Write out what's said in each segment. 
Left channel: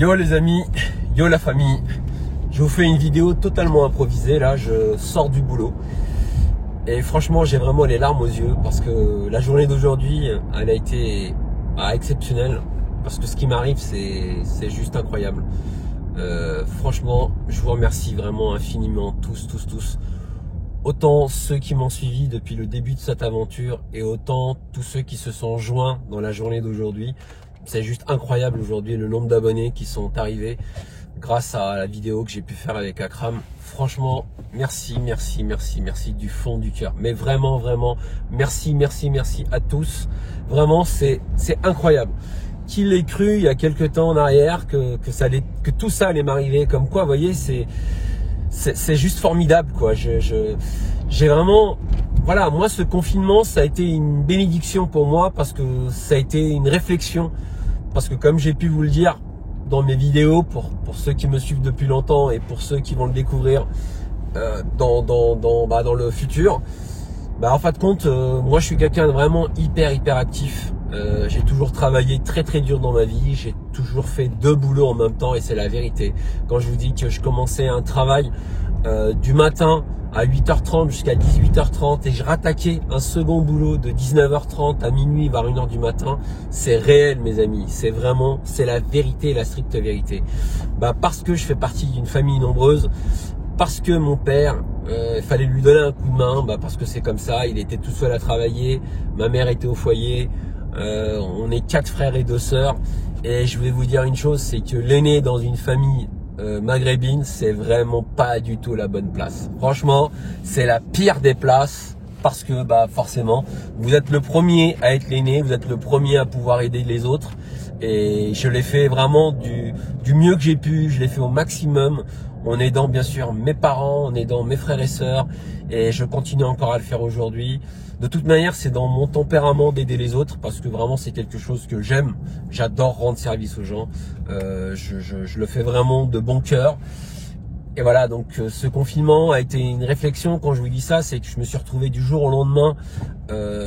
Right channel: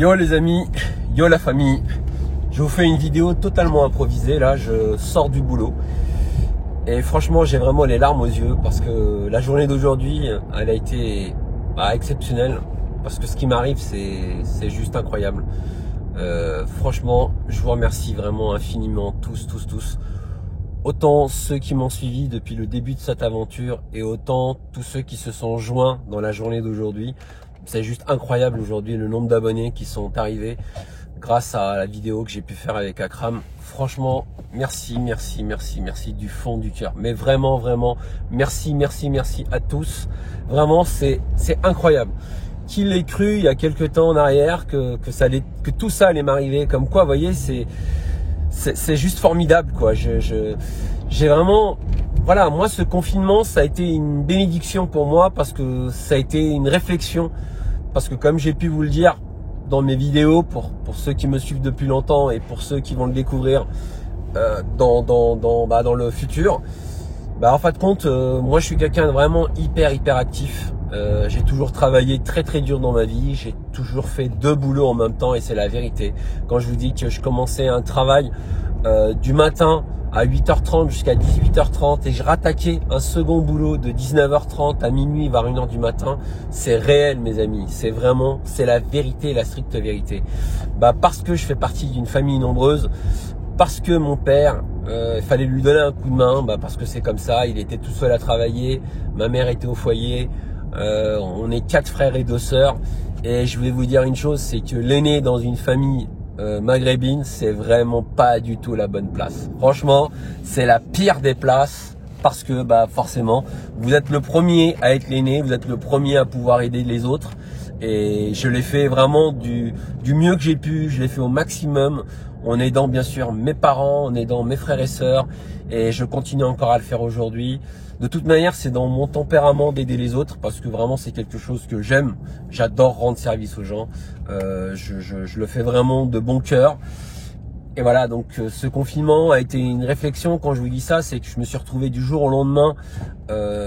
Yo les amis, yo la famille. Je vous fais une vidéo totalement improvisée. Là, je sors du boulot. Et franchement, j'ai vraiment les larmes aux yeux parce que la journée d'aujourd'hui, elle a été exceptionnelle. Parce que ce qui m'arrive, c'est juste incroyable. Franchement, je vous remercie vraiment infiniment, tous. Autant ceux qui m'ont suivi depuis le début de cette aventure et autant tous ceux qui se sont joints dans la journée d'aujourd'hui. C'est juste incroyable aujourd'hui le nombre d'abonnés qui sont arrivés grâce à la vidéo que j'ai pu faire avec Akram. Franchement, merci du fond du cœur. Mais vraiment, merci à tous. Vraiment, c'est incroyable. Qui l'ait cru il y a quelques temps en arrière que tout ça allait m'arriver. Comme quoi, vous voyez, c'est juste formidable, quoi. J'ai vraiment, voilà, moi ce confinement, ça a été une bénédiction pour moi parce que ça a été une réflexion. Parce que comme j'ai pu vous le dire dans mes vidéos, pour ceux qui me suivent depuis longtemps et pour ceux qui vont le découvrir dans le futur, en fin de compte, moi je suis quelqu'un de vraiment hyper actif. J'ai toujours travaillé très dur dans ma vie, j'ai toujours fait 2 boulots en même temps et c'est la vérité. Quand je vous dis que je commençais un travail du matin à 8h30 jusqu'à 18h30 et je rattaquais un second boulot de 19h30 à minuit vers 1h du matin, c'est réel mes amis, c'est la vérité, la stricte vérité. Parce que je fais partie d'une famille nombreuse, parce que mon père, il fallait lui donner un coup de main, parce que c'est comme ça, il était tout seul à travailler, ma mère était au foyer, on est 4 frères et 2 sœurs et je vais vous dire une chose, c'est que l'aîné dans une famille maghrébine, c'est vraiment pas du tout la bonne place. Franchement, c'est la pire des places parce que forcément, vous êtes le premier à être l'aîné, vous êtes le premier à pouvoir aider les autres et je l'ai fait vraiment du mieux que j'ai pu, je l'ai fait au maximum en aidant bien sûr mes parents, en aidant mes frères et sœurs et je continue encore à le faire aujourd'hui. De toute manière, c'est dans mon tempérament d'aider les autres parce que vraiment c'est quelque chose que j'aime. J'adore rendre service aux gens. Je le fais vraiment de bon cœur. Et voilà, donc ce confinement a été une réflexion. Quand je vous dis ça, c'est que je me suis retrouvé du jour au lendemain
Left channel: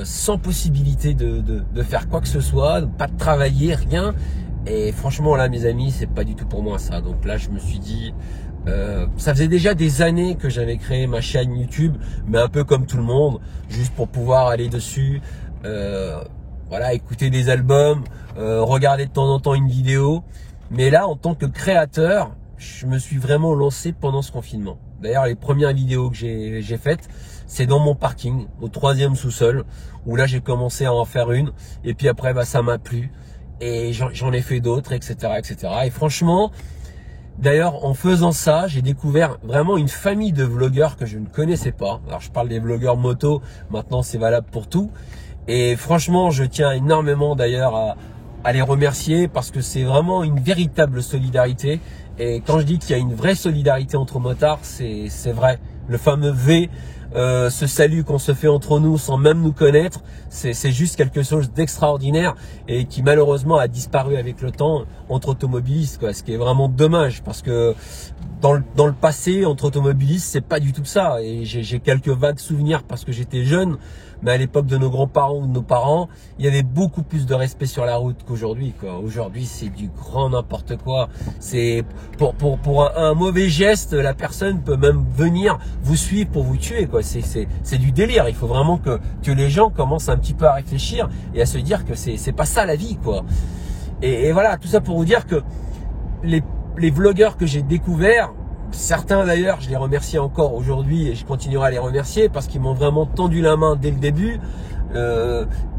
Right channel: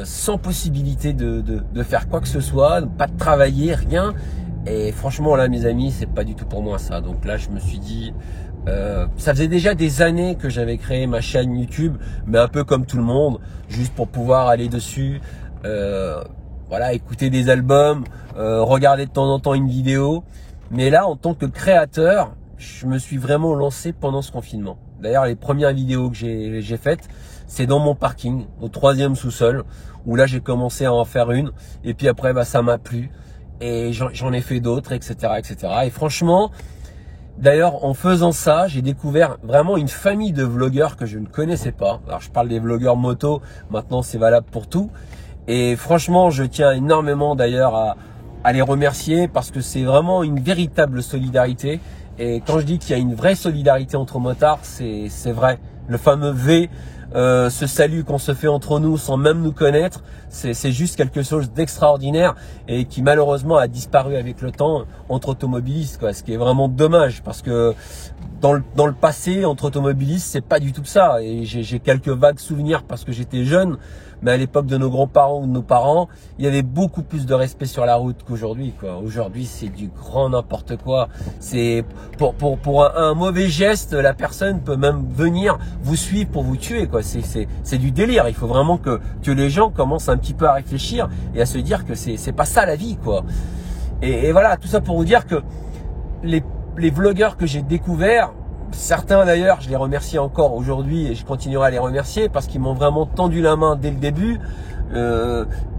sans possibilité de faire quoi que ce soit, pas de travailler, rien. Et franchement là, mes amis, c'est pas du tout pour moi ça. Donc là, je me suis dit... ça faisait déjà des années que j'avais créé ma chaîne YouTube, mais un peu comme tout le monde, juste pour pouvoir aller dessus, voilà, écouter des albums, regarder de temps en temps une vidéo. Mais là, en tant que créateur, je me suis vraiment lancé pendant ce confinement. D'ailleurs, les premières vidéos que j'ai faites, c'est dans mon parking, au 3e sous-sol, où là j'ai commencé à en faire une, et puis après, ça m'a plu, et j'en ai fait d'autres, etc. Et franchement, d'ailleurs, en faisant ça, j'ai découvert vraiment une famille de vlogueurs que je ne connaissais pas. Alors, je parle des vlogueurs moto, maintenant c'est valable pour tout. Et franchement, je tiens énormément d'ailleurs à les remercier parce que c'est vraiment une véritable solidarité. Et quand je dis qu'il y a une vraie solidarité entre motards, c'est vrai. Le fameux V, ce salut qu'on se fait entre nous sans même nous connaître, c'est juste quelque chose d'extraordinaire et qui malheureusement a disparu avec le temps entre automobilistes, quoi. Ce qui est vraiment dommage parce que dans le passé, entre automobilistes, c'est pas du tout ça. Et j'ai quelques vagues souvenirs parce que j'étais jeune. Mais à l'époque de nos grands-parents ou de nos parents, il y avait beaucoup plus de respect sur la route qu'aujourd'hui, quoi. Aujourd'hui, c'est du grand n'importe quoi. C'est pour un mauvais geste, la personne peut même venir vous suivre pour vous tuer, quoi. C'est du délire. Il faut vraiment que les gens commencent un petit peu à réfléchir et à se dire que c'est pas ça la vie, quoi. Et voilà, tout ça pour vous dire que les vlogueurs que j'ai découverts, certains d'ailleurs, je les remercie encore aujourd'hui et je continuerai à les remercier parce qu'ils m'ont vraiment tendu la main dès le début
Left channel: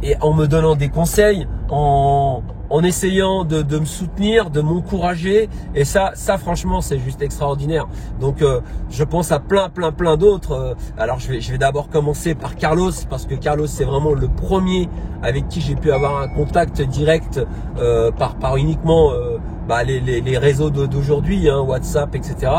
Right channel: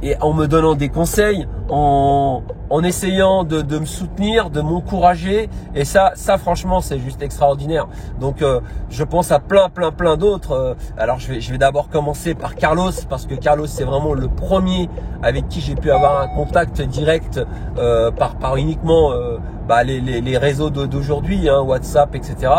et en me donnant des conseils, en essayant de me soutenir, de m'encourager et ça franchement c'est juste extraordinaire. Donc je pense à plein d'autres. Alors je vais d'abord commencer par Carlos parce que Carlos c'est vraiment le premier avec qui j'ai pu avoir un contact direct par uniquement les réseaux d'aujourd'hui, hein, WhatsApp, etc.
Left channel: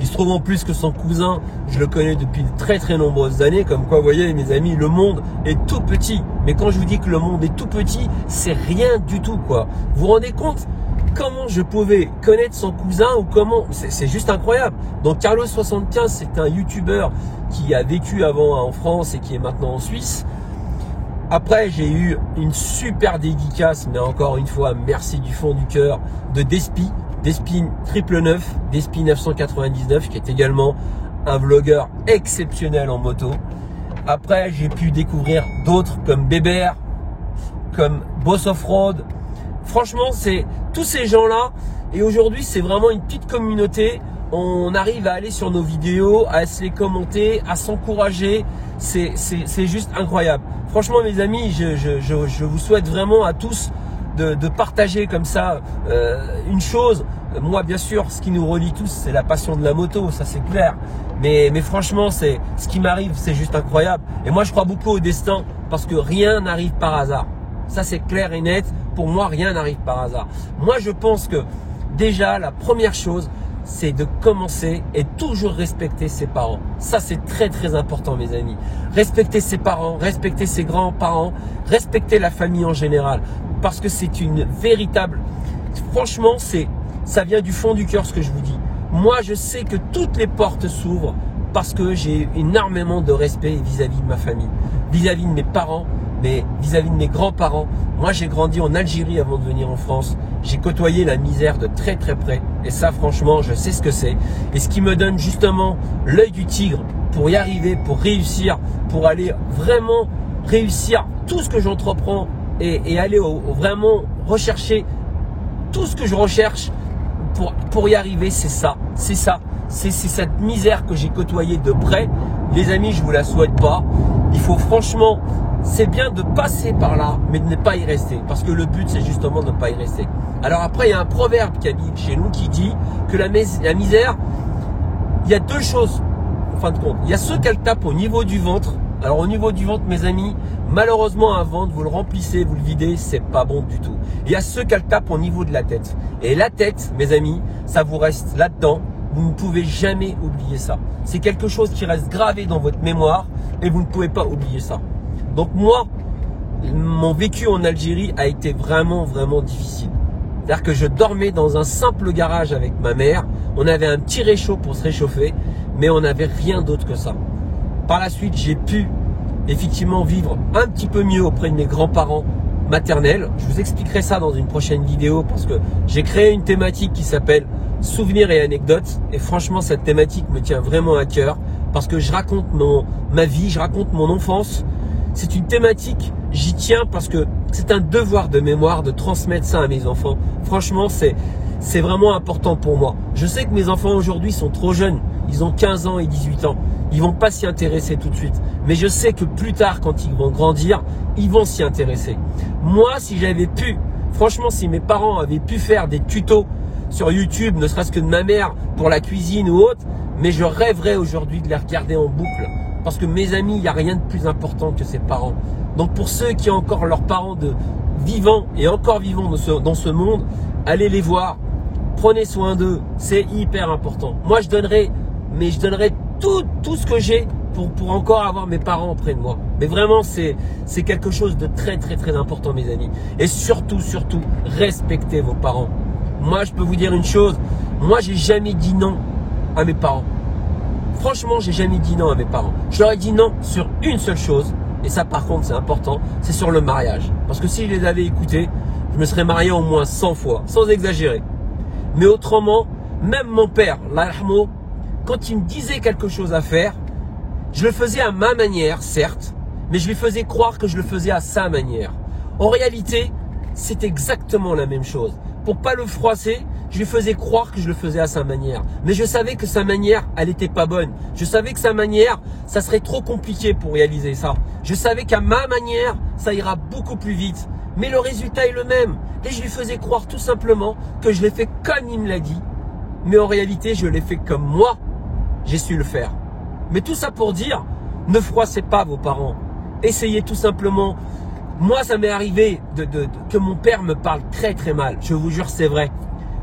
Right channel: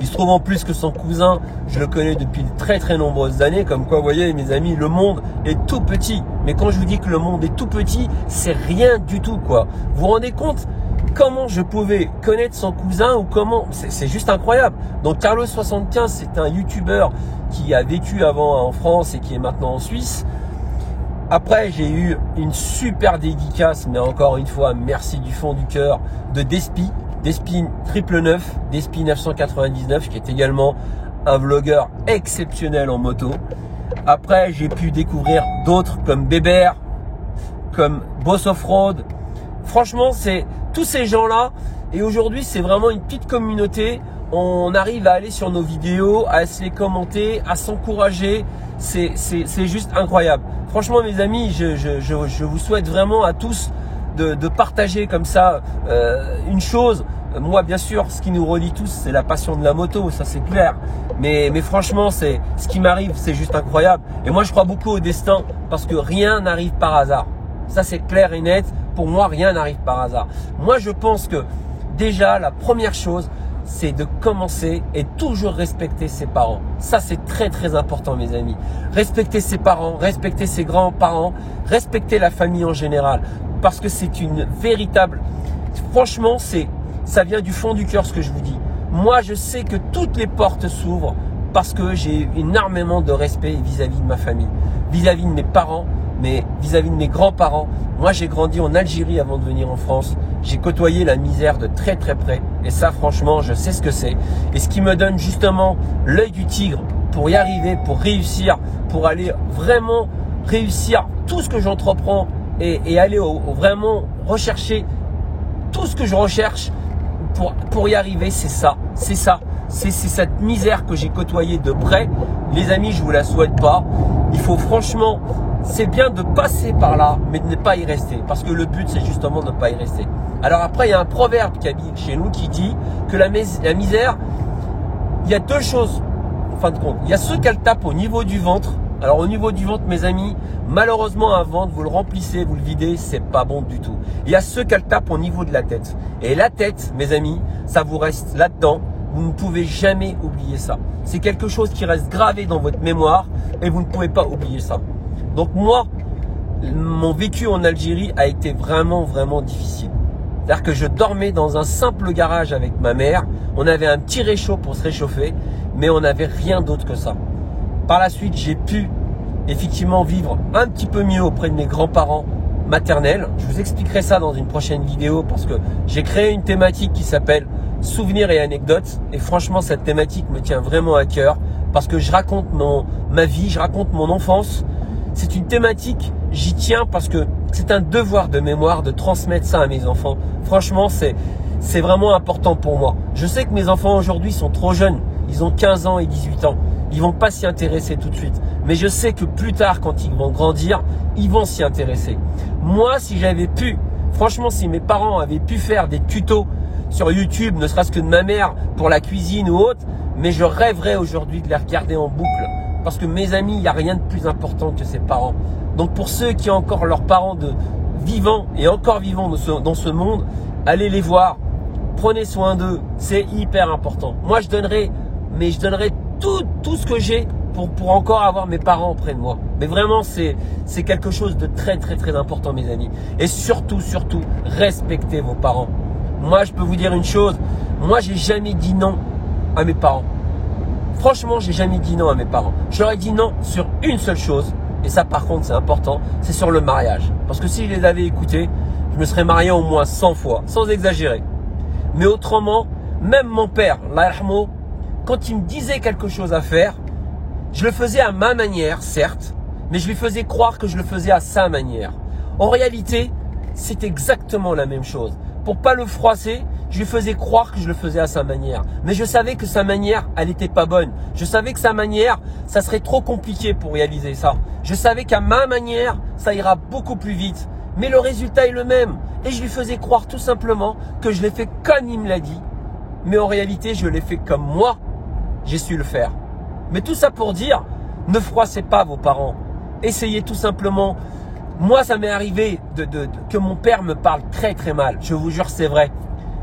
Il se trouve en plus que son cousin, je le connais depuis très nombreuses années. Comme quoi, vous voyez, mes amis, le monde est tout petit. Mais quand je vous dis que le monde est tout petit, c'est rien du tout, quoi. Vous vous rendez compte comment je pouvais connaître son cousin ou comment... C'est juste incroyable. Donc, Carlos75, c'est un YouTuber qui a vécu avant en France et qui est maintenant en Suisse. Après, j'ai eu une super dédicace, mais encore une fois, merci du fond du cœur, de Despi. Despi 999, Despi 999, qui est également un vlogueur exceptionnel en moto. Après, j'ai pu découvrir d'autres comme Bébert, comme Boss Offroad. Franchement, c'est tous ces gens-là. Et aujourd'hui, c'est vraiment une petite communauté. On arrive à aller sur nos vidéos, à se les commenter, à s'encourager. C'est juste incroyable. Franchement, mes amis, je vous souhaite vraiment à tous de partager comme ça une chose. Moi, bien sûr, ce qui nous relie tous, c'est la passion de la moto, ça c'est clair. Mais franchement, ce qui m'arrive, c'est juste incroyable. Et moi, je crois beaucoup au destin parce que rien n'arrive par hasard. Ça, c'est clair et net. Pour moi, rien n'arrive par hasard. Moi, je pense que déjà, la première chose, c'est de commencer et toujours respecter ses parents. Ça, c'est très, très important, mes amis. Respecter ses parents, respecter ses grands-parents, respecter la famille en général. Parce que c'est une véritable... Franchement, ça vient du fond du cœur, ce que je vous dis. Moi, je sais que toutes les portes s'ouvrent parce que j'ai énormément de respect vis-à-vis de ma famille, vis-à-vis de mes parents, mais vis-à-vis de mes grands-parents. Moi, j'ai grandi en Algérie avant de venir en France. J'ai côtoyé la misère de très très près. Et ça, franchement, je sais ce que c'est. Et ce qui me donne justement l'œil du tigre pour y arriver, pour réussir, pour aller vraiment réussir tout ce que j'entreprends et aller vraiment rechercher tout ce que je recherche pour y arriver, c'est ça. C'est ça. C'est cette misère que j'ai côtoyée de près. Les amis, je ne vous la souhaite pas. Il faut franchement... C'est bien de passer par là, mais de ne pas y rester. Parce que le but, c'est justement de ne pas y rester. Alors après, il y a un proverbe qui habite chez nous qui dit que la misère, il y a deux choses, en fin de compte. Il y a ceux qu'elle tape au niveau du ventre. Alors au niveau du ventre, mes amis, malheureusement, un ventre, vous le remplissez, vous le videz, c'est pas bon du tout. Il y a ceux qu'elle tape au niveau de la tête. Et la tête, mes amis, ça vous reste là-dedans. Vous ne pouvez jamais oublier ça. C'est quelque chose qui reste gravé dans votre mémoire et vous ne pouvez pas oublier ça. Donc moi, mon vécu en Algérie a été vraiment, vraiment difficile. C'est-à-dire que je dormais dans un simple garage avec ma mère. On avait un petit réchaud pour se réchauffer, mais on n'avait rien d'autre que ça. Par la suite, j'ai pu effectivement vivre un petit peu mieux auprès de mes grands-parents maternels. Je vous expliquerai ça dans une prochaine vidéo parce que j'ai créé une thématique qui s'appelle Souvenirs et anecdotes. Et franchement, cette thématique me tient vraiment à cœur parce que je raconte ma vie, je raconte mon enfance. C'est une thématique, j'y tiens parce que c'est un devoir de mémoire de transmettre ça à mes enfants. Franchement, c'est vraiment important pour moi. Je sais que mes enfants aujourd'hui sont trop jeunes. Ils ont 15 ans et 18 ans. Ils vont pas s'y intéresser tout de suite. Mais je sais que plus tard, quand ils vont grandir, ils vont s'y intéresser. Moi, si j'avais pu, franchement, si mes parents avaient pu faire des tutos sur YouTube, ne serait-ce que de ma mère pour la cuisine ou autre, mais je rêverais aujourd'hui de les regarder en boucle. Parce que mes amis, il n'y a rien de plus important que ses parents. Donc pour ceux qui ont encore leurs parents vivants et encore vivants dans ce monde, allez les voir, prenez soin d'eux, c'est hyper important. Moi je donnerai tout ce que j'ai pour encore avoir mes parents auprès de moi. Mais vraiment c'est quelque chose de très très très important, mes amis. Et surtout, respectez vos parents. Moi je peux vous dire une chose, moi j'ai jamais dit non à mes parents. Franchement, j'ai jamais dit non à mes parents. Je leur ai dit non sur une seule chose. Et ça, par contre, c'est important. C'est sur le mariage. Parce que si je les avais écoutés, je me serais marié au moins 100 fois. Sans exagérer. Mais autrement, même mon père, Allah yarhamou, quand il me disait quelque chose à faire, je le faisais à ma manière, certes. Mais je lui faisais croire que je le faisais à sa manière. En réalité, c'est exactement la même chose. Pour pas le froisser, je lui faisais croire que je le faisais à sa manière. Mais je savais que sa manière, elle n'était pas bonne. Je savais que sa manière, ça serait trop compliqué pour réaliser ça. Je savais qu'à ma manière, ça ira beaucoup plus vite. Mais le résultat est le même. Et je lui faisais croire tout simplement que je l'ai fait comme il me l'a dit. Mais en réalité, je l'ai fait comme moi, j'ai su le faire. Mais tout ça pour dire, ne froissez pas vos parents. Essayez tout simplement. Moi, ça m'est arrivé que mon père me parle très très mal. Je vous jure, c'est vrai.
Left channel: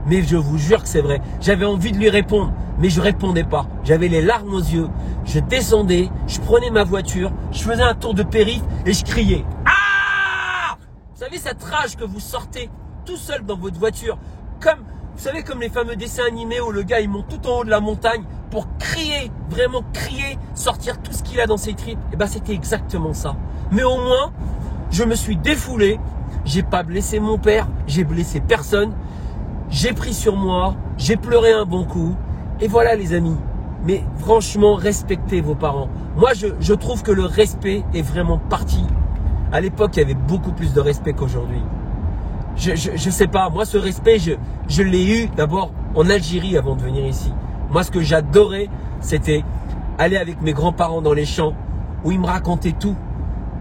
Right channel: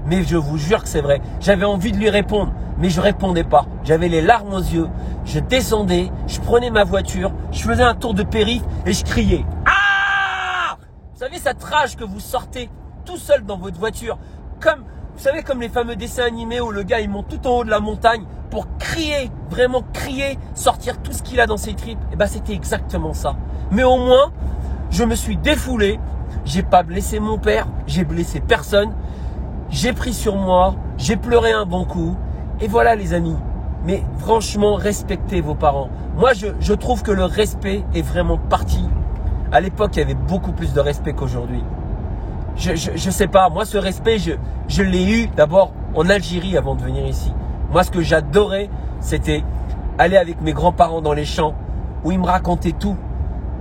Mais je vous jure que c'est vrai. J'avais envie de lui répondre, mais je ne répondais pas. J'avais les larmes aux yeux. Je descendais, je prenais ma voiture, je faisais un tour de périph' et je criais. Ah! Vous savez cette rage que vous sortez tout seul dans votre voiture, vous savez, comme les fameux dessins animés où le gars il monte tout en haut de la montagne pour crier, vraiment crier, sortir tout ce qu'il a dans ses tripes. Et bien c'était exactement ça. Mais au moins, je me suis défoulé. J'ai pas blessé mon père, j'ai blessé personne. j'ai pris sur moi, j'ai pleuré un bon coup. Et voilà les amis. Mais franchement, respectez vos parents. Moi, je trouve que le respect est vraiment parti. À l'époque, il y avait beaucoup plus de respect qu'aujourd'hui. Je sais pas, moi ce respect, je l'ai eu d'abord en Algérie avant de venir ici. Moi, ce que j'adorais, c'était aller avec mes grands-parents dans les champs où ils me racontaient tout.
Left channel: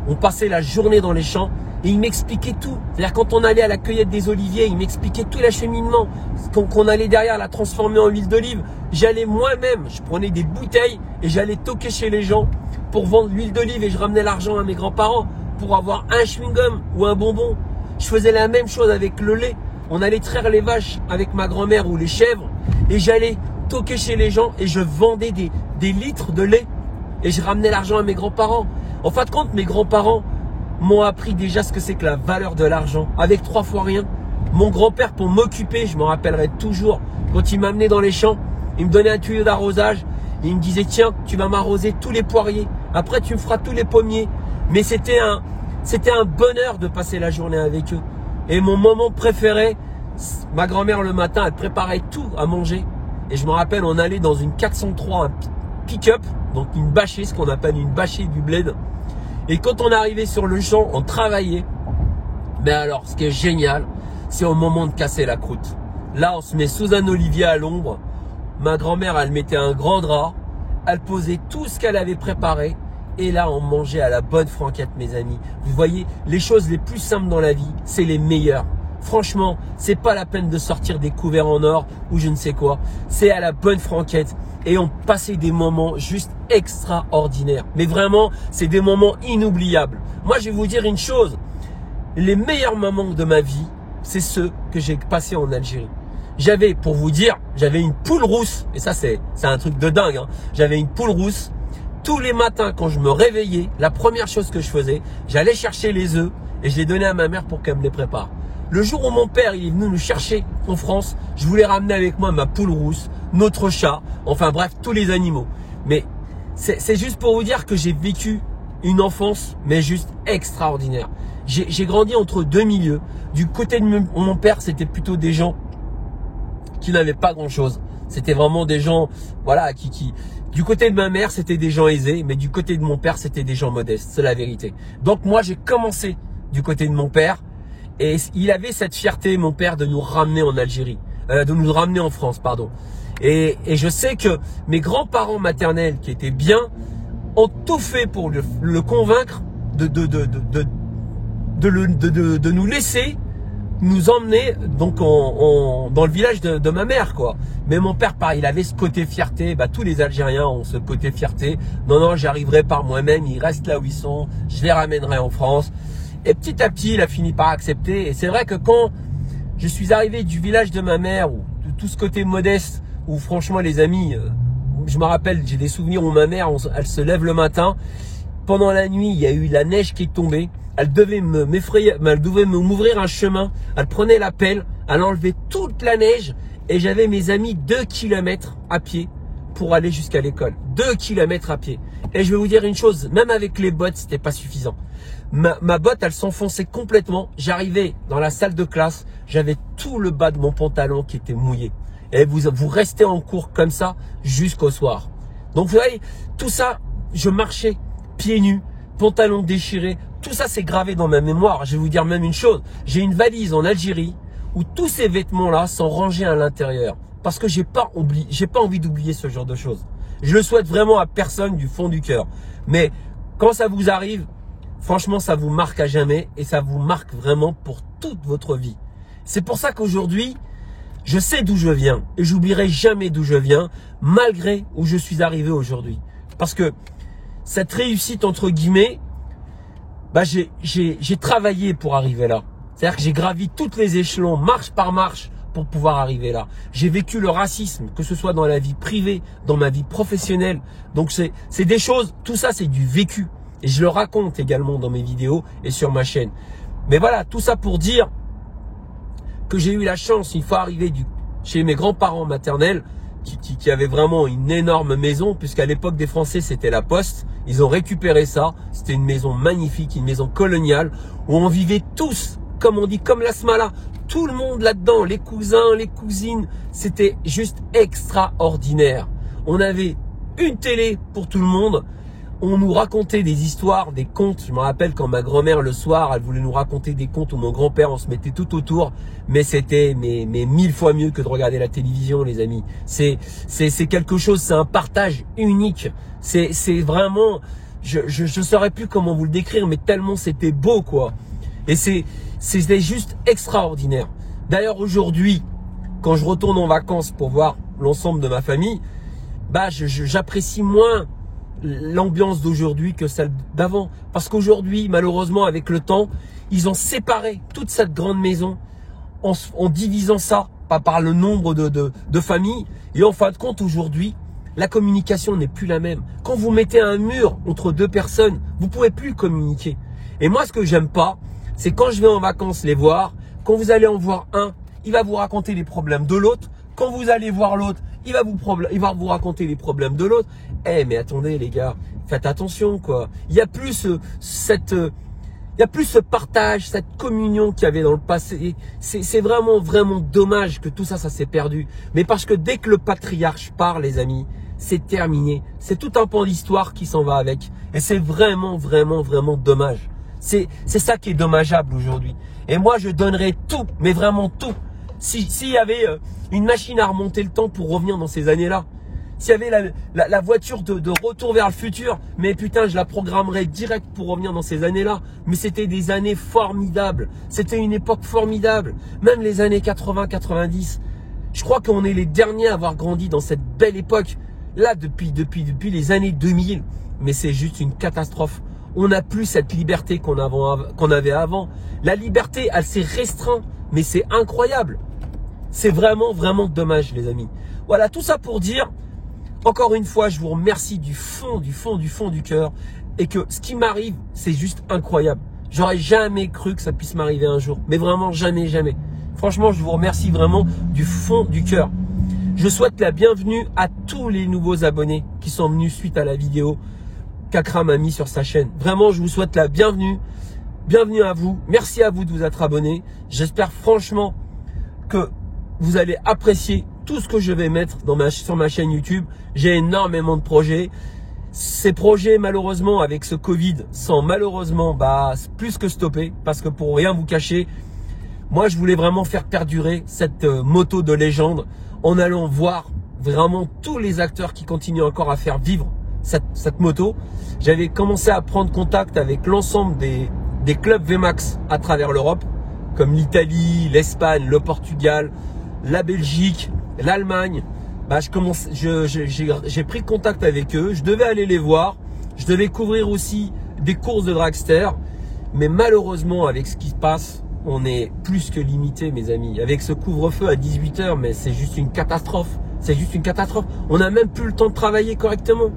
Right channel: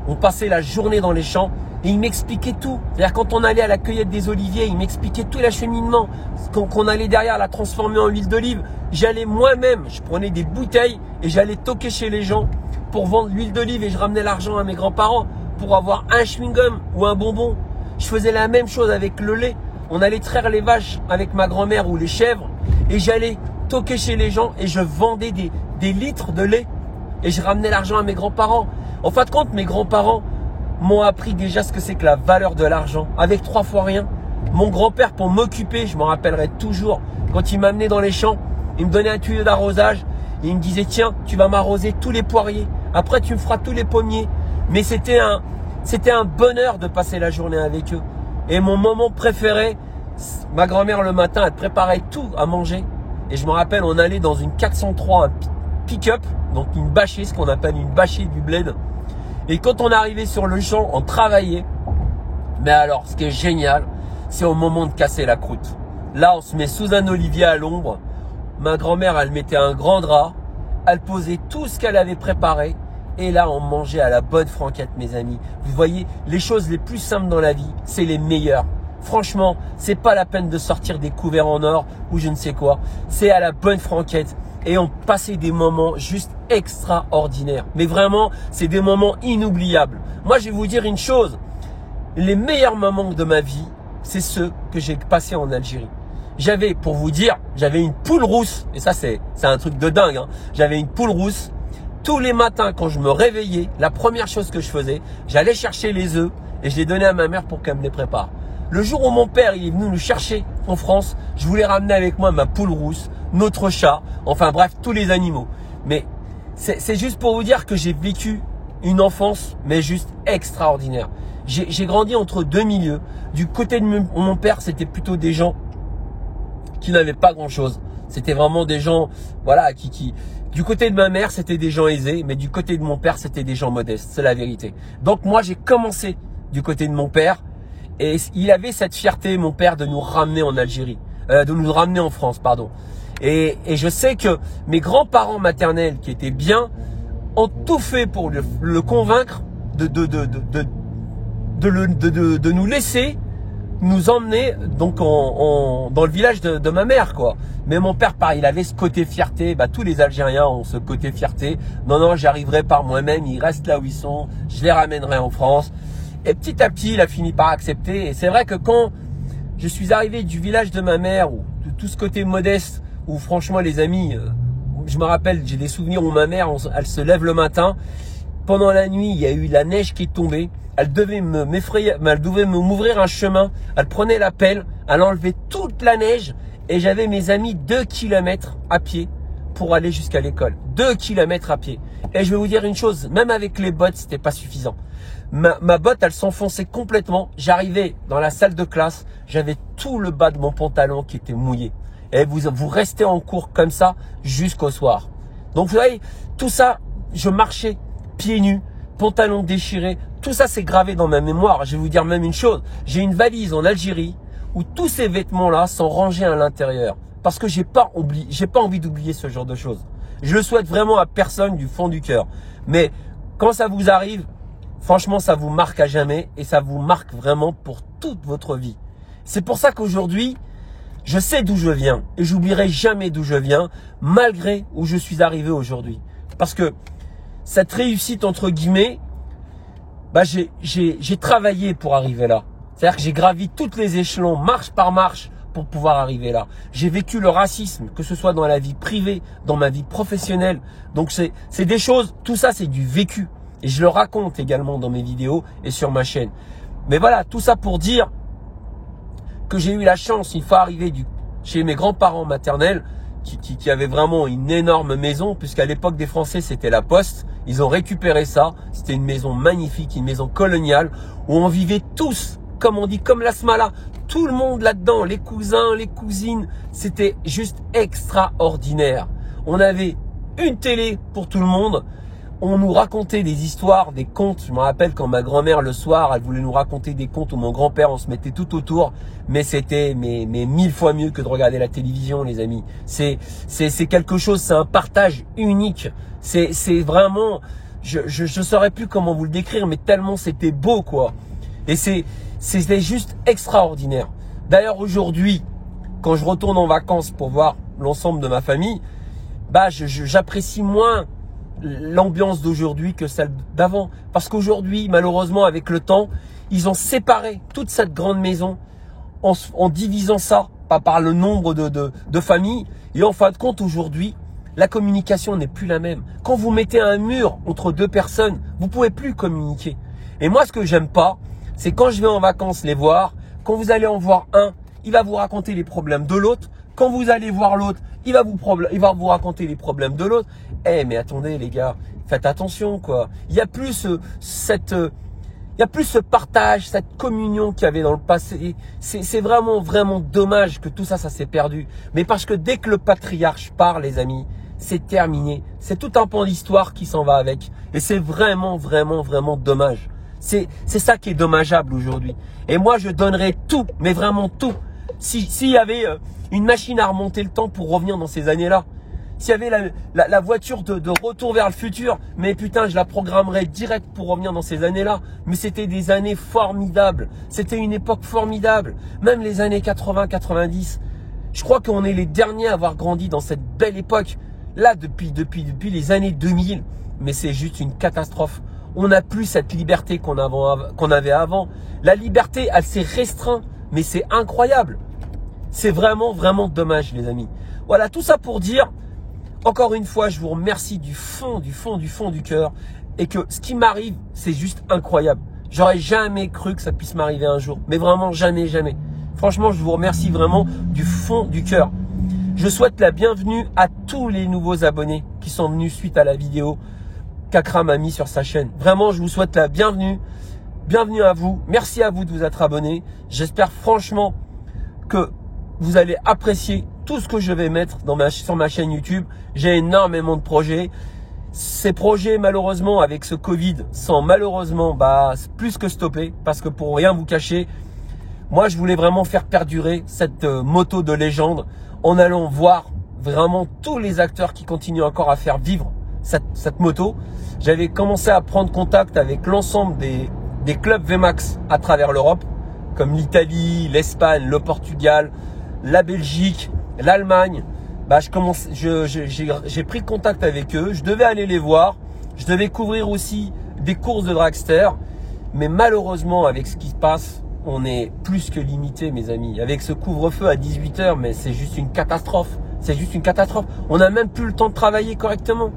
On passait la journée dans les champs et ils m'expliquaient tout. C'est-à-dire quand on allait à la cueillette des oliviers, ils m'expliquaient tout l'acheminement. Qu'on allait derrière la transformer en huile d'olive. J'allais moi-même, je prenais des bouteilles et j'allais toquer chez les gens pour vendre l'huile d'olive et je ramenais l'argent à mes grands-parents pour avoir un chewing-gum ou un bonbon. Je faisais la même chose avec le lait. On allait traire les vaches avec ma grand-mère ou les chèvres et j'allais toquer chez les gens et je vendais des litres de lait et je ramenais l'argent à mes grands-parents. En fin de compte, mes grands-parents m'ont appris déjà ce que c'est que la valeur de l'argent avec 3 fois rien. Mon grand-père, pour m'occuper, je m'en rappellerai toujours, quand il m'amenait dans les champs, il me donnait un tuyau d'arrosage, il me disait tiens, tu vas m'arroser tous les poiriers, après tu me feras tous les pommiers. Mais c'était un bonheur de passer la journée avec eux. Et mon moment préféré, ma grand-mère le matin, elle préparait tout à manger. Et je me rappelle, on allait dans une 403, un pick-up, donc une bâchée, ce qu'on appelle une bâchée du bled. Et quand on arrivait sur le champ, on travaillait. Mais alors, ce qui est génial, c'est au moment de casser la croûte. Là, on se met sous un olivier à l'ombre. Ma grand-mère, elle mettait un grand drap. Elle posait tout ce qu'elle avait préparé. Et là, on mangeait à la bonne franquette, mes amis. Vous voyez, les choses les plus simples dans la vie, c'est les meilleures. Franchement, c'est pas la peine de sortir des couverts en or ou je ne sais quoi. C'est à la bonne franquette. Et on passait des moments juste extraordinaires. Mais vraiment, c'est des moments inoubliables. Moi, je vais vous dire une chose. Les meilleurs moments de ma vie, c'est ceux que j'ai passés en Algérie. J'avais, pour vous dire, j'avais une poule rousse. Et ça, c'est un truc de dingue, hein. J'avais une poule rousse. Tous les matins, quand je me réveillais, la première chose que je faisais, j'allais chercher les œufs et je les donnais à ma mère pour qu'elle me les prépare. Le jour où mon père il est venu nous chercher en France, je voulais ramener avec moi ma poule rousse, notre chat, enfin bref, tous les animaux. Mais c'est juste pour vous dire que j'ai vécu une enfance, mais juste extraordinaire. J'ai grandi entre deux milieux. Du côté de mon père, c'était plutôt des gens qui n'avaient pas grand-chose. C'était vraiment des gens, voilà, du côté de ma mère, c'était des gens aisés, mais du côté de mon père, c'était des gens modestes. C'est la vérité. Donc moi, j'ai commencé du côté de mon père et il avait cette fierté, mon père, de nous ramener en Algérie, de nous ramener en France, pardon. Et je sais que mes grands-parents maternels, qui étaient bien, ont tout fait pour le convaincre de nous laisser nous emmener donc dans le village de ma mère, quoi. Mais mon père, pareil, il avait ce côté fierté. Bah, tous les Algériens ont ce côté fierté. Non, j'arriverai par moi-même. Ils restent là où ils sont. Je les ramènerai en France. Et petit à petit, il a fini par accepter. Et c'est vrai que quand je suis arrivé du village de ma mère, ou de tout ce côté modeste, où franchement, les amis, je me rappelle, j'ai des souvenirs où ma mère, elle se lève le matin. Pendant la nuit, il y a eu la neige qui est tombée. Elle devait m'effrayer, elle devait m'ouvrir un chemin. Elle prenait la pelle, elle enlevait toute la neige. Et j'avais mes amis 2 km à pied pour aller jusqu'à l'école. 2 km à pied. Et je vais vous dire une chose, même avec les bottes, c'était pas suffisant. Ma botte, elle s'enfonçait complètement. J'arrivais dans la salle de classe, j'avais tout le bas de mon pantalon qui était mouillé. Et vous restez en cours comme ça jusqu'au soir. Donc vous voyez, tout ça, je marchais pieds nus, pantalon déchiré. Tout ça, c'est gravé dans ma mémoire. Je vais vous dire même une chose. J'ai une valise en Algérie où tous ces vêtements-là sont rangés à l'intérieur. Parce que j'ai pas envie d'oublier ce genre de choses. Je le souhaite vraiment à personne du fond du cœur. Mais quand ça vous arrive, franchement, ça vous marque à jamais et ça vous marque vraiment pour toute votre vie. C'est pour ça qu'aujourd'hui, je sais d'où je viens et j'oublierai jamais d'où je viens, malgré où je suis arrivé aujourd'hui. Parce que cette réussite, entre guillemets, bah j'ai travaillé pour arriver là. C'est-à-dire que j'ai gravi toutes les échelons, marche par marche, pour pouvoir arriver là. J'ai vécu le racisme, que ce soit dans la vie privée, dans ma vie professionnelle. Donc c'est des choses, tout ça c'est du vécu. Et je le raconte également dans mes vidéos et sur ma chaîne. Mais voilà, tout ça pour dire que j'ai eu la chance, une fois arrivé chez mes grands-parents maternels, qui avaient vraiment une énorme maison, puisqu'à l'époque des Français, c'était la Poste. Ils ont récupéré ça. C'était une maison magnifique, une maison coloniale, où on vivait tous comme on dit, comme la smala. Tout le monde là-dedans, les cousins, les cousines, c'était juste extraordinaire. On avait une télé pour tout le monde. On nous racontait des histoires, des contes. Je me rappelle quand ma grand-mère le soir, elle voulait nous raconter des contes, ou mon grand-père, on se mettait tout autour. Mais c'était mais 1000 fois mieux que de regarder la télévision, les amis. C'est quelque chose, c'est un partage unique. C'est vraiment, je saurais plus comment vous le décrire, mais tellement c'était beau, quoi. Et c'était juste extraordinaire. D'ailleurs, aujourd'hui, quand je retourne en vacances pour voir l'ensemble de ma famille, bah, j'apprécie moins l'ambiance d'aujourd'hui que celle d'avant. Parce qu'aujourd'hui, malheureusement, avec le temps, ils ont séparé toute cette grande maison en divisant ça par le nombre de familles. Et en fin de compte, aujourd'hui, la communication n'est plus la même. Quand vous mettez un mur entre deux personnes, vous ne pouvez plus communiquer. Et moi, ce que j'aime pas, c'est quand je vais en vacances les voir, quand vous allez en voir un, il va vous raconter les problèmes de l'autre. Quand vous allez voir l'autre, il va vous raconter les problèmes de l'autre. Eh, mais attendez les gars, faites attention quoi. Il n'y a plus ce partage, cette communion qu'il y avait dans le passé. C'est vraiment, vraiment dommage que tout ça, ça s'est perdu. Mais parce que dès que le patriarche part, les amis, c'est terminé. C'est tout un pan d'histoire qui s'en va avec. Et c'est vraiment, vraiment, vraiment dommage. C'est ça qui est dommageable aujourd'hui. Et moi, je donnerais tout, mais vraiment tout. S'il y avait une machine à remonter le temps pour revenir dans ces années-là, s'il y avait la voiture de retour vers le futur, mais putain, je la programmerais direct pour revenir dans ces années-là. Mais c'était des années formidables. C'était une époque formidable. Même les années 80-90. Je crois qu'on est les derniers à avoir grandi dans cette belle époque. Là, depuis les années 2000. Mais c'est juste une catastrophe. On n'a plus cette liberté qu'on avait avant. La liberté, elle s'est restreinte. Mais c'est incroyable. C'est vraiment, vraiment dommage, les amis. Voilà, tout ça pour dire, encore une fois, je vous remercie du fond du cœur. Et que ce qui m'arrive, c'est juste incroyable. J'aurais jamais cru que ça puisse m'arriver un jour. Mais vraiment, jamais, jamais. Franchement, je vous remercie vraiment du fond du cœur. Je souhaite la bienvenue à tous les nouveaux abonnés qui sont venus suite à la vidéo qu'Akram a mis sur sa chaîne. Vraiment, je vous souhaite la bienvenue. Bienvenue à vous. Merci à vous de vous être abonnés. J'espère franchement que vous allez apprécier tout ce que je vais mettre sur ma chaîne YouTube. J'ai énormément de projets. Ces projets, malheureusement, avec ce Covid, sont malheureusement plus que stoppés. Parce que pour rien vous cacher, moi, je voulais vraiment faire perdurer cette moto de légende en allant voir vraiment tous les acteurs qui continuent encore à faire vivre cette moto. J'avais commencé à prendre contact avec l'ensemble des clubs VMAX à travers l'Europe, comme l'Italie, l'Espagne, le Portugal, la Belgique, l'Allemagne. J'ai pris contact avec eux. Je devais aller les voir. Je devais couvrir aussi des courses de dragster. Mais malheureusement, avec ce qui se passe, on est plus que limité, mes amis. Avec ce couvre-feu à 18 h, mais c'est juste une catastrophe. C'est juste une catastrophe. On n'a même plus le temps de travailler correctement.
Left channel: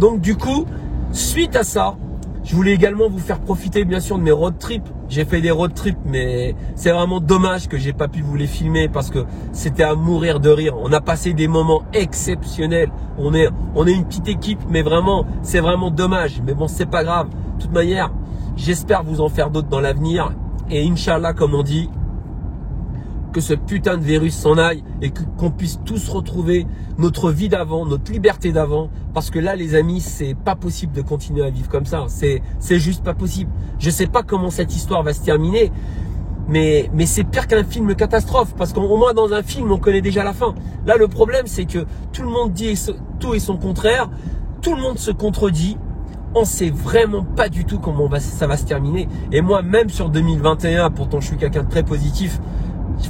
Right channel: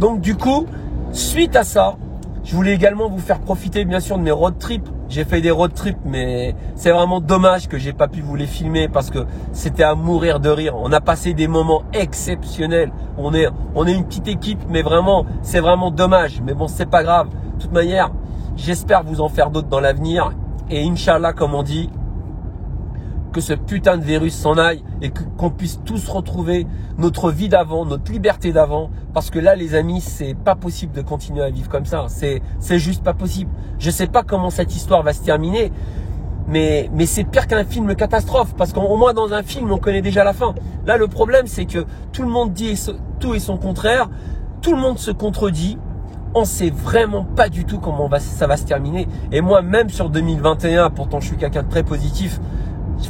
Donc du coup, suite à ça, je voulais également vous faire profiter bien sûr de mes road trips. J'ai fait des road trips, mais c'est vraiment dommage que j'ai pas pu vous les filmer parce que c'était à mourir de rire. On a passé des moments exceptionnels. On est une petite équipe, mais vraiment, c'est vraiment dommage. Mais bon, c'est pas grave. De toute manière, j'espère vous en faire d'autres dans l'avenir. Et Inch'Allah, comme on dit, que ce putain de virus s'en aille et qu'on puisse tous retrouver notre vie d'avant, notre liberté d'avant. Parce que là, les amis, c'est pas possible de continuer à vivre comme ça. C'est juste pas possible. Je sais pas comment cette histoire va se terminer, mais c'est pire qu'un film catastrophe. Parce qu'au moins dans un film, on connaît déjà la fin. Là, le problème, c'est que tout le monde dit tout et son contraire. Tout le monde se contredit. On sait vraiment pas du tout comment ça va se terminer. Et moi, même sur 2021, pourtant je suis quelqu'un de très positif,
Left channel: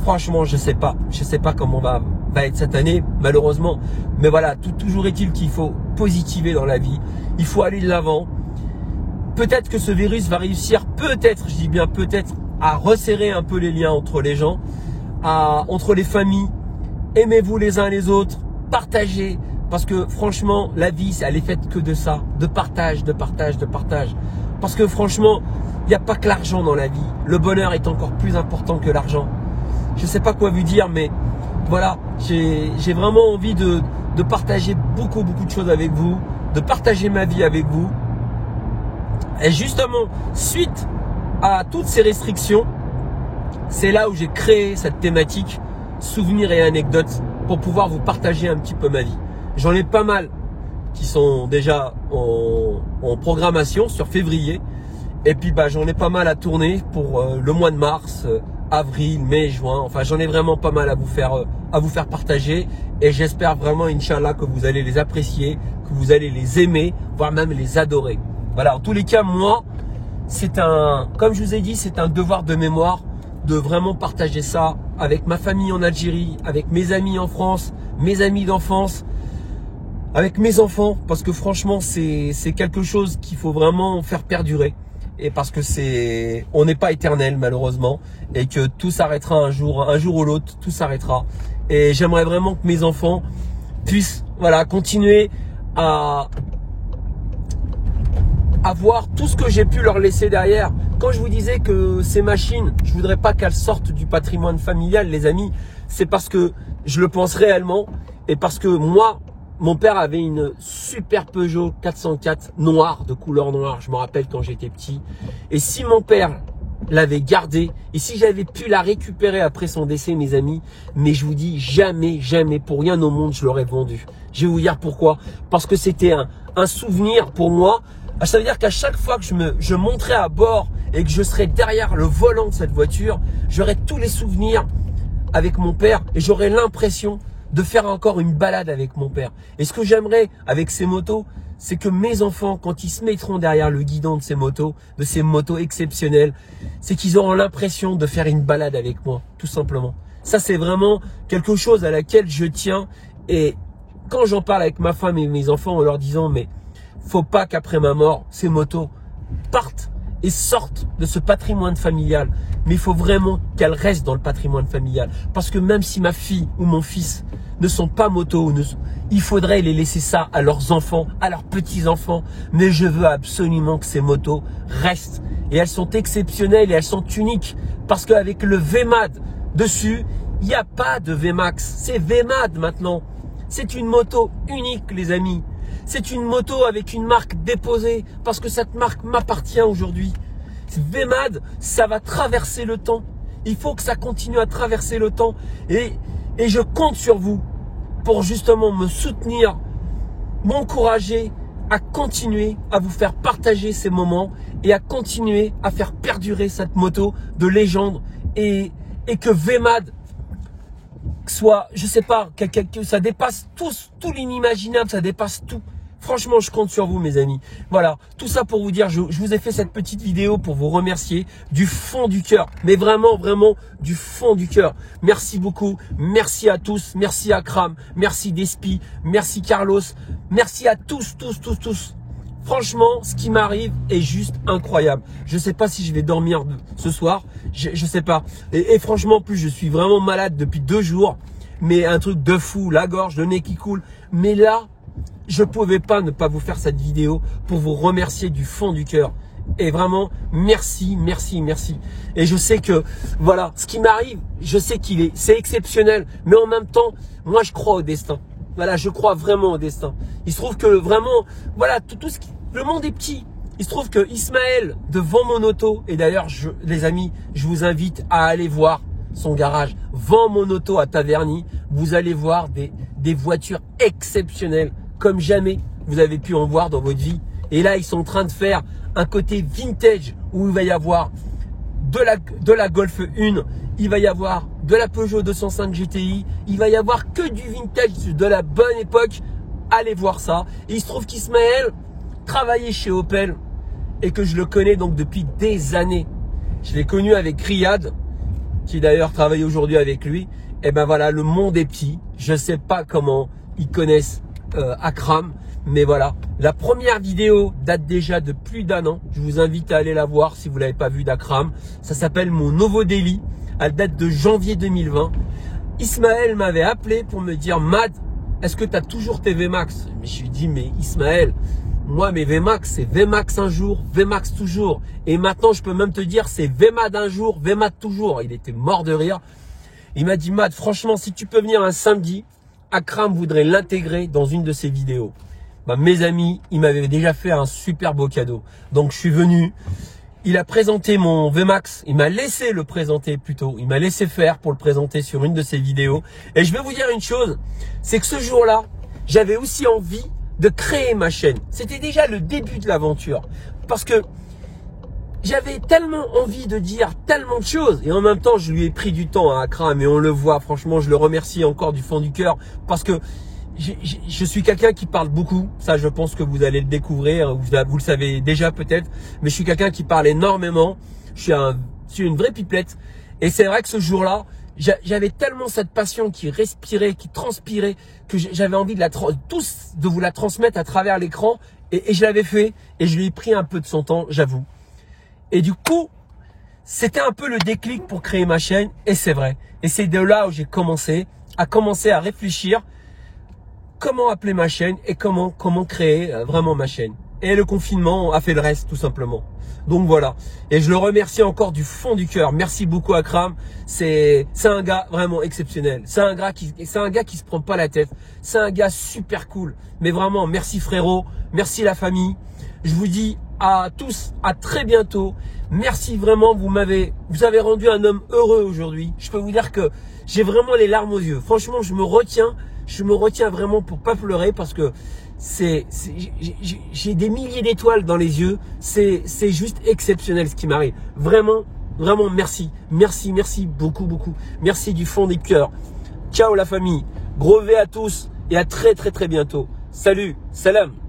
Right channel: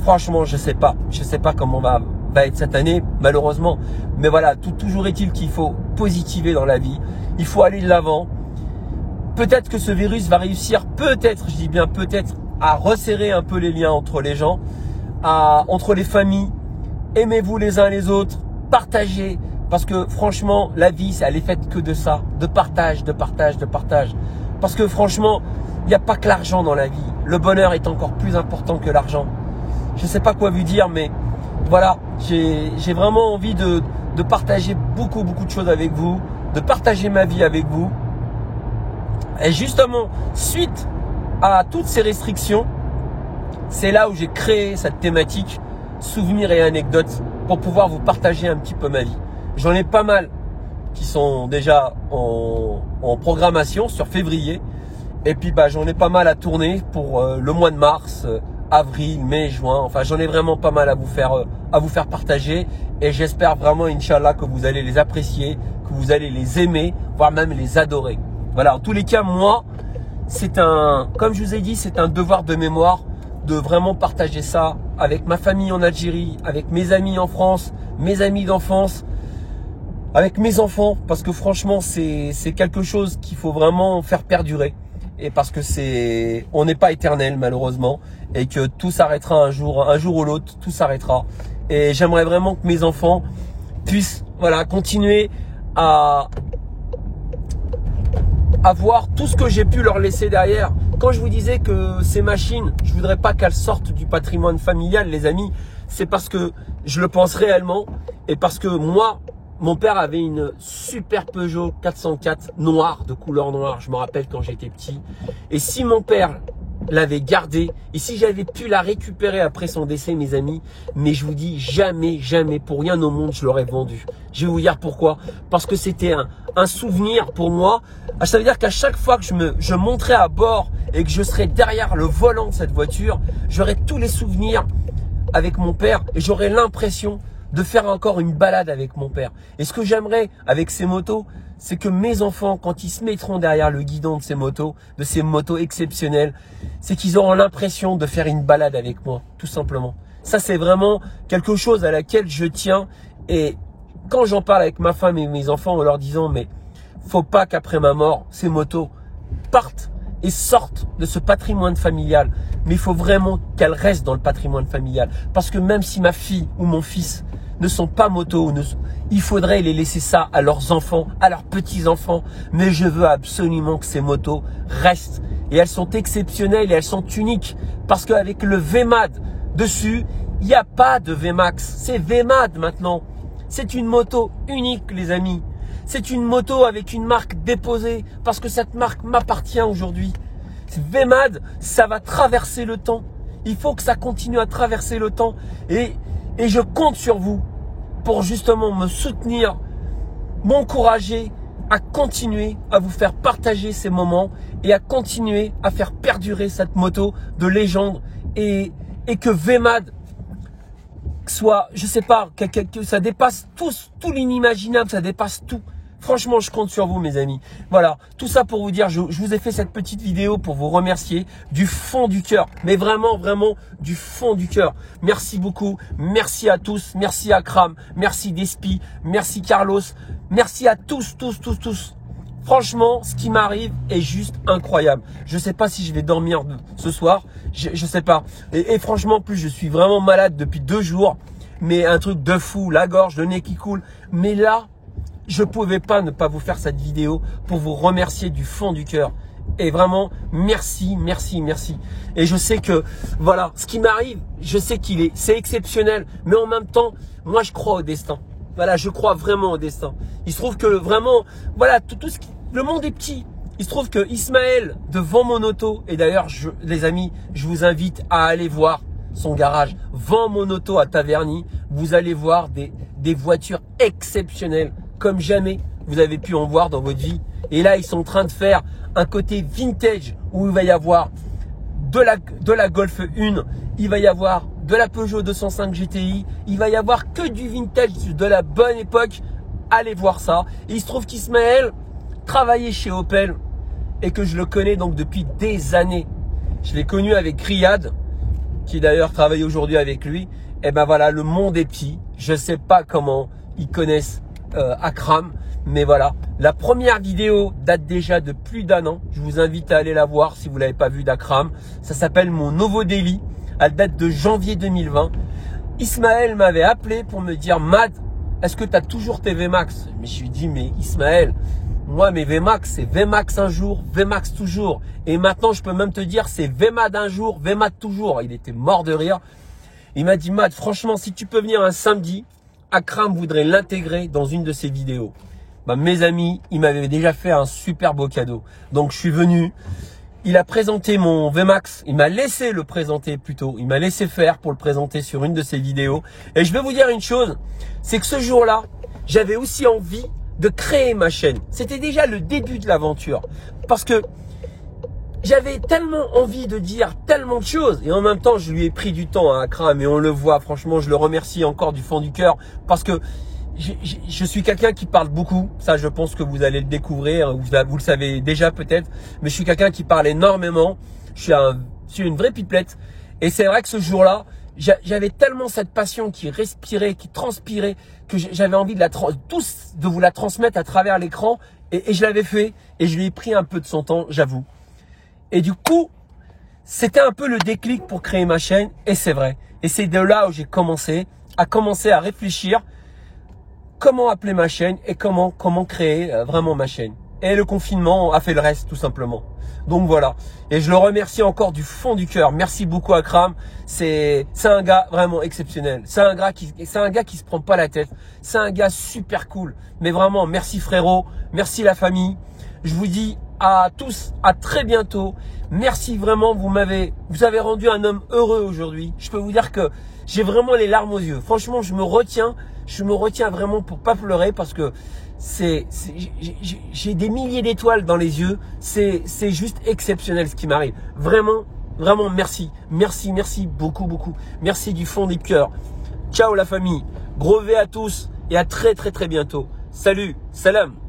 franchement, je sais pas. Je sais pas comment va être cette année, malheureusement. Mais voilà, toujours est-il qu'il faut positiver dans la vie. Il faut aller de l'avant. Peut-être que ce virus va réussir, peut-être, je dis bien peut-être, à resserrer un peu les liens entre les gens, entre les familles. Aimez-vous les uns les autres, partagez. Parce que franchement, la vie, elle est faite que de ça, de partage, de partage, de partage. Parce que franchement, il n'y a pas que l'argent dans la vie. Le bonheur est encore plus important que l'argent. Je ne sais pas quoi vous dire, mais voilà, j'ai vraiment envie de partager beaucoup de choses avec vous, de partager ma vie avec vous. Et justement, suite à toutes ces restrictions, c'est là où j'ai créé cette thématique souvenirs et anecdotes pour pouvoir vous partager un petit peu ma vie. J'en ai pas mal qui sont déjà en programmation sur février. Et puis j'en ai pas mal à tourner pour le mois de mars, avril, mai, juin. Enfin, j'en ai vraiment pas mal à vous faire partager. Et j'espère vraiment, Inch'Allah, que vous allez les apprécier, que vous allez les aimer, voire même les adorer. Voilà, en tous les cas, moi, comme je vous ai dit, c'est un devoir de mémoire de vraiment partager ça avec ma famille en Algérie, avec mes amis en France, mes amis d'enfance, avec mes enfants, parce que franchement, c'est quelque chose qu'il faut vraiment faire perdurer. Et parce que on n'est pas éternel malheureusement, et que tout s'arrêtera un jour ou l'autre, tout s'arrêtera. Et j'aimerais vraiment que mes enfants puissent, voilà, continuer à voir tout ce que j'ai pu leur laisser derrière. Quand je vous disais que ces machines, je voudrais pas qu'elles sortent du patrimoine familial, les amis, c'est parce que je le pense réellement, et parce que moi, mon père avait une super Peugeot 404 noire, de couleur noire, je me rappelle quand j'étais petit. Et si mon père l'avait gardée, et si j'avais pu la récupérer après son décès, mes amis, mais je vous dis, jamais, jamais, pour rien au monde, je l'aurais vendue. Je vais vous dire pourquoi. Parce que c'était un souvenir pour moi. Ça veut dire qu'à chaque fois que je monterais à bord et que je serais derrière le volant de cette voiture, j'aurais tous les souvenirs avec mon père et j'aurais l'impression de faire encore une balade avec mon père. Et ce que j'aimerais avec ces motos, c'est que mes enfants, quand ils se mettront derrière le guidon de ces motos exceptionnelles, c'est qu'ils auront l'impression de faire une balade avec moi, tout simplement. Ça, c'est vraiment quelque chose à laquelle je tiens. Et quand j'en parle avec ma femme et mes enfants en leur disant, mais faut pas qu'après ma mort, ces motos partent et sortent de ce patrimoine familial. Mais il faut vraiment qu'elles restent dans le patrimoine familial. Parce que même si ma fille ou mon fils ne sont pas motos, il faudrait les laisser ça à leurs enfants, à leurs petits-enfants. Mais je veux absolument que ces motos restent. Et elles sont exceptionnelles et elles sont uniques. Parce qu'avec le VMAD dessus, il n'y a pas de VMAX. C'est VMAD maintenant. C'est une moto unique, les amis. C'est une moto avec une marque déposée. Parce que cette marque m'appartient aujourd'hui. VMAD, ça va traverser le temps. Il faut que ça continue à traverser le temps. Et je compte sur vous pour justement me soutenir, m'encourager à continuer à vous faire partager ces moments et à continuer à faire perdurer cette moto de légende et que VMAD soit, je sais pas, que ça dépasse tout l'inimaginable, ça dépasse tout. Franchement, je compte sur vous, mes amis. Voilà, tout ça pour vous dire, je vous ai fait cette petite vidéo pour vous remercier du fond du cœur. Mais vraiment, vraiment du fond du cœur. Merci beaucoup. Merci à tous. Merci à Kram. Merci Despi. Merci Carlos. Merci à tous. Franchement, ce qui m'arrive est juste incroyable. Je ne sais pas si je vais dormir ce soir. Je sais pas. Et franchement, en plus, je suis vraiment malade depuis 2 jours. Mais un truc de fou, la gorge, le nez qui coule. Mais là, je ne pouvais pas ne pas vous faire cette vidéo pour vous remercier du fond du cœur. Et vraiment, merci. Et je sais que, voilà, ce qui m'arrive, je sais c'est exceptionnel. Mais en même temps, moi, je crois au destin. Voilà, je crois vraiment au destin. Il se trouve que vraiment, voilà, le monde est petit. Il se trouve que Ismaël, de Vent Mon Auto, et d'ailleurs, les amis, je vous invite à aller voir son garage, Vent Mon Auto à Taverny. Vous allez voir des voitures exceptionnelles, comme jamais vous avez pu en voir dans votre vie. Et là, ils sont en train de faire un côté vintage où il va y avoir de la Golf 1, il va y avoir de la Peugeot 205 GTI, il va y avoir que du vintage de la bonne époque. Allez voir ça. Et il se trouve qu'Ismaël travaillait chez Opel et que je le connais donc depuis des années. Je l'ai connu avec Riyad, qui d'ailleurs travaille aujourd'hui avec lui. Et ben voilà, le monde est petit. Je ne sais pas comment ils connaissent Akram, mais voilà, la première vidéo date déjà de plus d'1 an. Je vous invite à aller la voir si vous l'avez pas vue d'Akram. Ça s'appelle Mon Nouveau Daily. Elle date de janvier 2020. Ismaël m'avait appelé pour me dire, Mad, est-ce que tu as toujours tes VMAX? Mais je lui ai dit, mais Ismaël, moi mes VMAX, c'est VMAX un jour, VMAX toujours. Et maintenant, je peux même te dire, c'est VMAD un jour, VMAD toujours. Il était mort de rire. Il m'a dit, Mad, franchement, si tu peux venir un samedi, Akram voudrait l'intégrer dans une de ses vidéos. Mes amis, il m'avait déjà fait un super beau cadeau. Donc je suis venu. Il a présenté mon VMAX, il m'a laissé le présenter plutôt, il m'a laissé faire pour le présenter sur une de ses vidéos. Et je vais vous dire une chose, c'est que ce jour-là, j'avais aussi envie de créer ma chaîne. C'était déjà le début de l'aventure. Parce que j'avais tellement envie de dire tellement de choses. Et en même temps, je lui ai pris du temps à Akram. Et on le voit, franchement, je le remercie encore du fond du cœur. Parce que je suis quelqu'un qui parle beaucoup. Ça, je pense que vous allez le découvrir. Vous le savez déjà peut-être. Mais je suis quelqu'un qui parle énormément. Je suis une vraie pipelette. Et c'est vrai que ce jour-là, j'avais tellement cette passion qui respirait, qui transpirait, que j'avais envie de vous la transmettre à travers l'écran. Et je l'avais fait. Et je lui ai pris un peu de son temps, j'avoue. Et du coup, c'était un peu le déclic pour créer ma chaîne. Et c'est vrai. Et c'est de là où j'ai commencé à réfléchir comment appeler ma chaîne et comment créer vraiment ma chaîne. Et le confinement a fait le reste tout simplement. Donc voilà. Et je le remercie encore du fond du cœur. Merci beaucoup Akram. C'est un gars vraiment exceptionnel. C'est un gars qui se prend pas la tête. C'est un gars super cool. Mais vraiment, merci frérot. Merci la famille. Je vous dis à tous, à très bientôt. Merci vraiment. Vous avez rendu un homme heureux aujourd'hui. Je peux vous dire que j'ai vraiment les larmes aux yeux. Franchement, je me retiens vraiment pour pas pleurer parce que j'ai des milliers d'étoiles dans les yeux. C'est juste exceptionnel ce qui m'arrive. Vraiment, vraiment merci. Merci beaucoup. Merci du fond du cœur. Ciao la famille. Gros V à tous et à très bientôt. Salut, salam.